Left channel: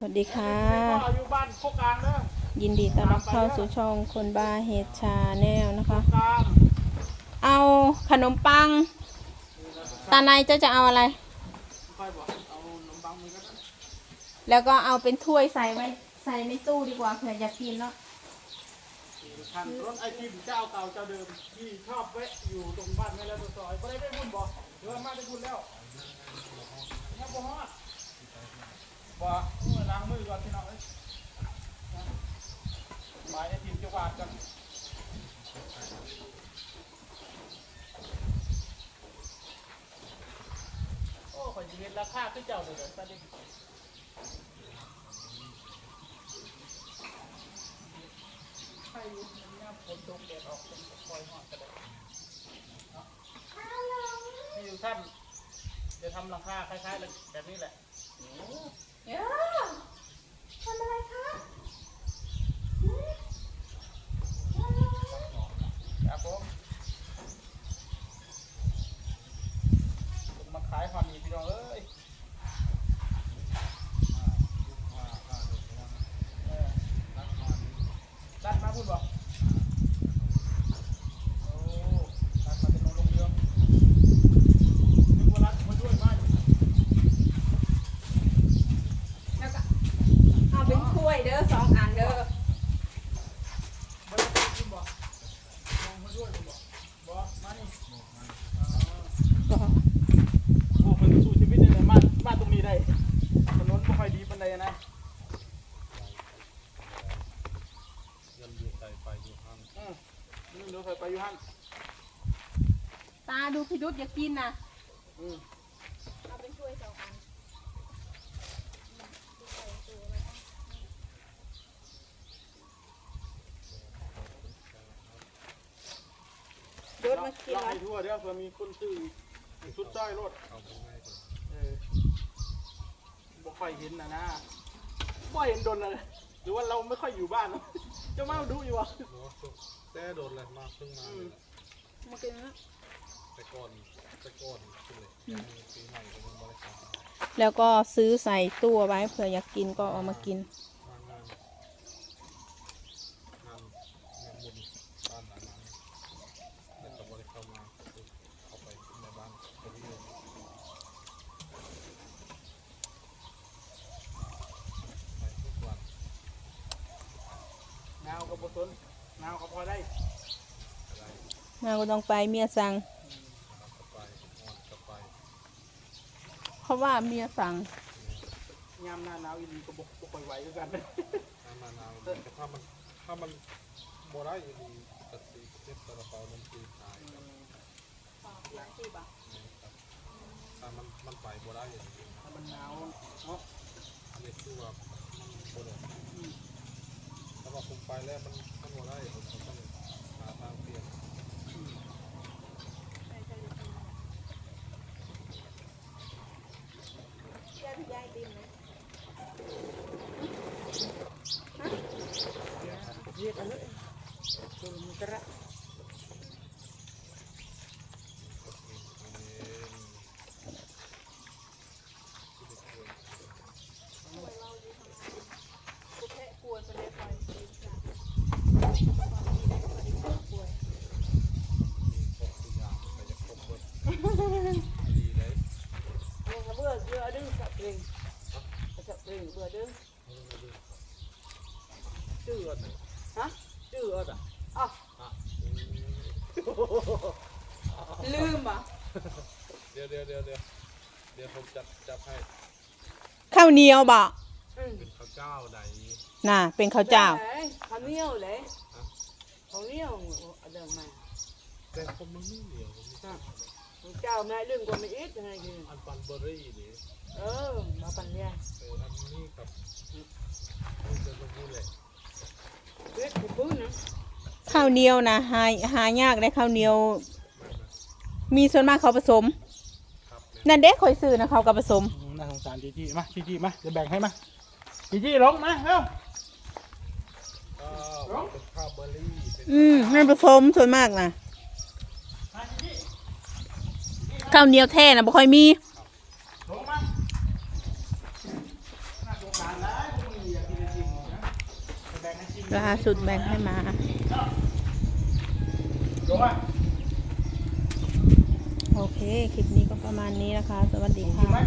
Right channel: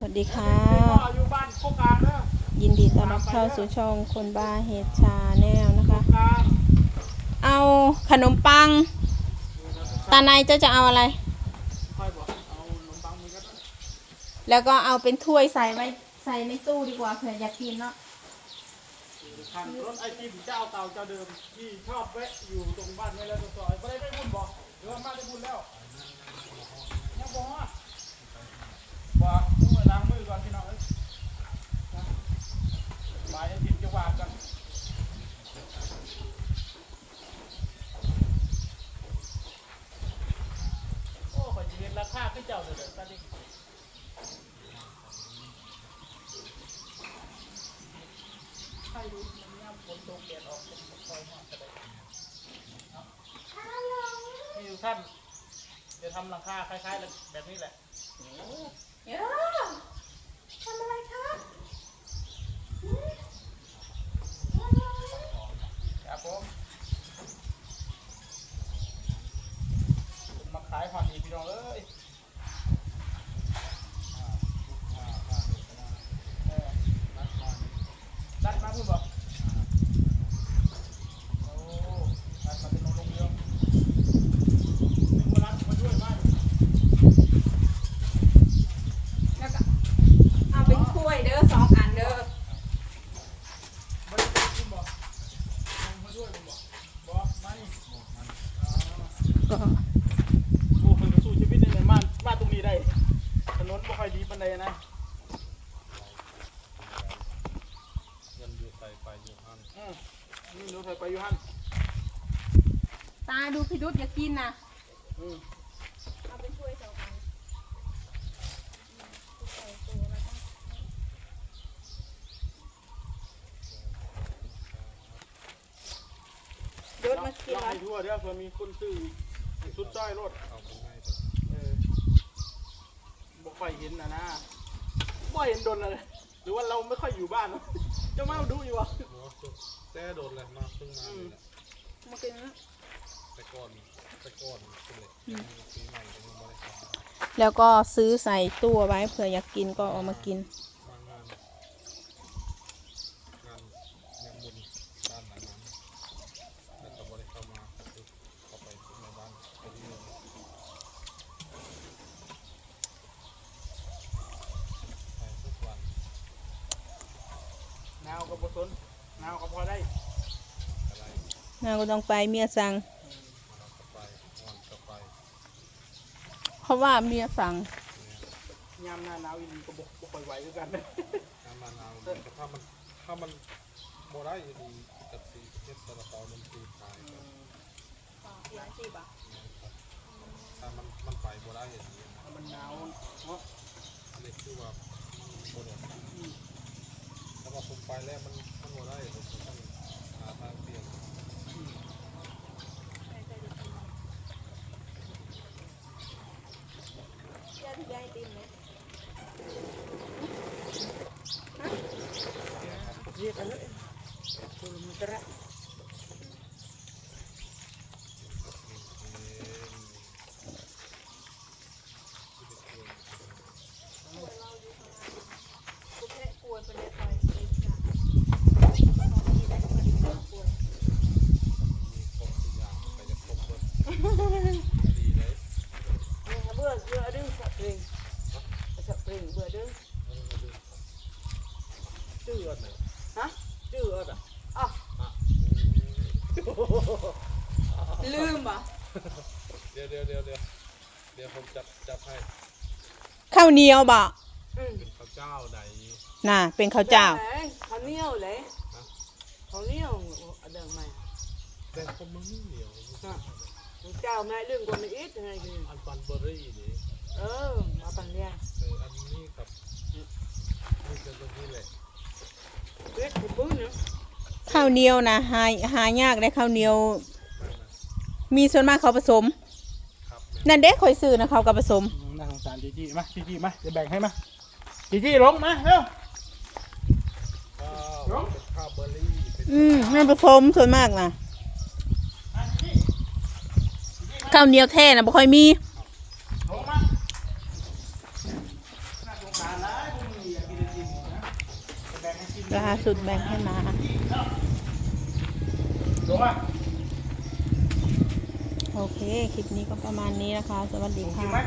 สวัสดีค่ะพ่ออยู่บ้านโคกลางเด้อยินดีต้อนรับเข้าสู่ช่องคนบ้าเฮดชาแนลนะคะกลางเอาขนมปัง ตาในเจ้าจะเอาอะไรค่อยบอกเอาขนมปังมีก็ได้แล้วก็เอาเป็นถ้วยใส่ไว้ใส่ในตู้ดีกว่าเผื่ออยากกินเนาะพันรถไอทีเจ้าเก่าเจ้าเดิมที่ชอบแวะอยู่ตรงบ้านไม่แล้วตัวซอยไม่ได้ได้บุญบอกเดี๋ยวมาได้บุญแล้วยังบ่ฮอดบ่ โอ้ข่อยจะเห็นราคาขึ้นเจ้าเลยเด้อตาดิใช่รู้มันย่ำฝนตกแดดออกเป็นคอยหอดกระไดเนาะนี่อยู่ท่านจะทำหลังคาคล้ายๆแบบนี้แหละ เดี๋ยวทำอะไรคะ ครับผมมา ขายความดีพี่น้องเอ้ยรัดมาพูดบอกอ้รัดมาจะนอนลงเรือนึกว่ารัดมาช่วยมาก แล้วก็เอาเป็นถ้วยเด้อสองอันเด้อ ไม่ได้เป็นคุณบอกยังมาด้วยคุณบอกบอกมานี่อ๋อ ก็ โอ้คนสู้ชีวิตนี่เลยมามาตรงนี้ได้ ถนนไม่ค่ อยดีปานใดนะเงินอยู่ใส่ไปอยู่หันอืมนี่หนูเคยไปอยู่ฮั่นตาดูพี่ดุษอยากกินนะอืมเอาเป็นถ้วยสองอันใส่ตัวแล้วก็ดุษมากินลองแล้วให้ทั่วเด้อเผื่อมีคนซื้อให้สุดจ้อยรถเอาไปให้เถอะเออบ่ ค่อยเห็นนะนะบ่เห็นดนอะไรหรือว่าเราไม่ค่อยอยู่บ้านเนอะเจะมาดูอยู่วะหมอสุดแต่โดนเลยมาเพิ่งมาเลยแหละมากินแล้วแต่ก่อนแต่ก่อนคุณเลยยังปีใหม่ก็ยังไม่ได้ทำแล้วก็ซื้อใส่ตู้เอาไว้เผื่ออยากกินก็เอามากินมางานงานงานบุญบ้านหลังนั้นแต่ก็ไม่ได้เข้ามาคือเข้าไปในบ้านคนที่อยู่ไปทุกวัน หนาว กับบสนหนาวก็พอได้อะไรนาก็ต้องไปเมียสั่งอืมเราก็ไปอ่อนก็ไปเพราะว่าเมียสั่งเนี่ยยามหน้าหนาวอีหลีก็บ่บ่ค่อยไหวคือกันน้ำมะนาวมันก็ถ้ามันถ้ามันโบได้อยู่ดีกะทิเทศตะเปานมจีนขายครับร้านสี่บาทเนี่ยครับถ้ามันมันไปโบได้อย่างนี้นะถ้ามันหนาวเนาะอันนี้คือว่ามันโบได้ถ้าว่าผม ไปแล้วมันมันโบได้ผมก็ต้องหาทางเปลี่ยนย่าที่ย่าติมไหมฮะเรียกอันนั้นตัวมันกระ กูแค่กลัวไปเลยปล่อยไปจ้ะตอนนี้ได้พอดีกลัว มีครบทุกอย่างไปจะครบเบิ ดดีเลยเบื่อเบื่อดื้อสับเพลงสับเพลงเบื่อดื้อชื่ออะไรฮะชื่ออะไรอ๋ออะลืมอะเดี๋ยวเดี๋ยวเดี๋ยวเดี๋ยวเดี๋ยวผมจับจับให้ข้าวเหนียวบ่อืมเป็นข้าวเจ้าใดน่ะ เป็นข้าวเจ้าข้าวเหนียวเลยฮะข้าวเหนียวเดิมมาแต่ผมมันไม่เหนียวไม่ใช่เลยข้าวเจ้าแม่เรื่องกว่าไม่อิดยังไงคืออันปันเบอร์รี่นี่เออมาปันเนี่ยเอออันนี้กับนี่จะตรงนี้แหละเล็กกูปุ้งนะข้าวเหนียวนะหาหายากได้ข้าวเหนียวมันนะมีส่วนมากเขาผสม ครับแม่นั่นเด็กคอยซื้อนะเขาก็ผสม น่าสงสารจีจี้มาจีจี้มาจะแบ่งให้มาจีจี้ลงมาเร็วข้าวเป็นข้าวเบอร์รี่เป็นอืมนั่นผสมส่วนมากนะ ข้าวเหนียวแท้นะบ่ค่อยมีลงมาน่าสงสารนะกินนะแบ่งให้กินล่าสุดแบ่งให้มาลงอะโอเค คลิปนี้ก็ประมาณนี้นะคะ สวัสดีกินค่ะไหม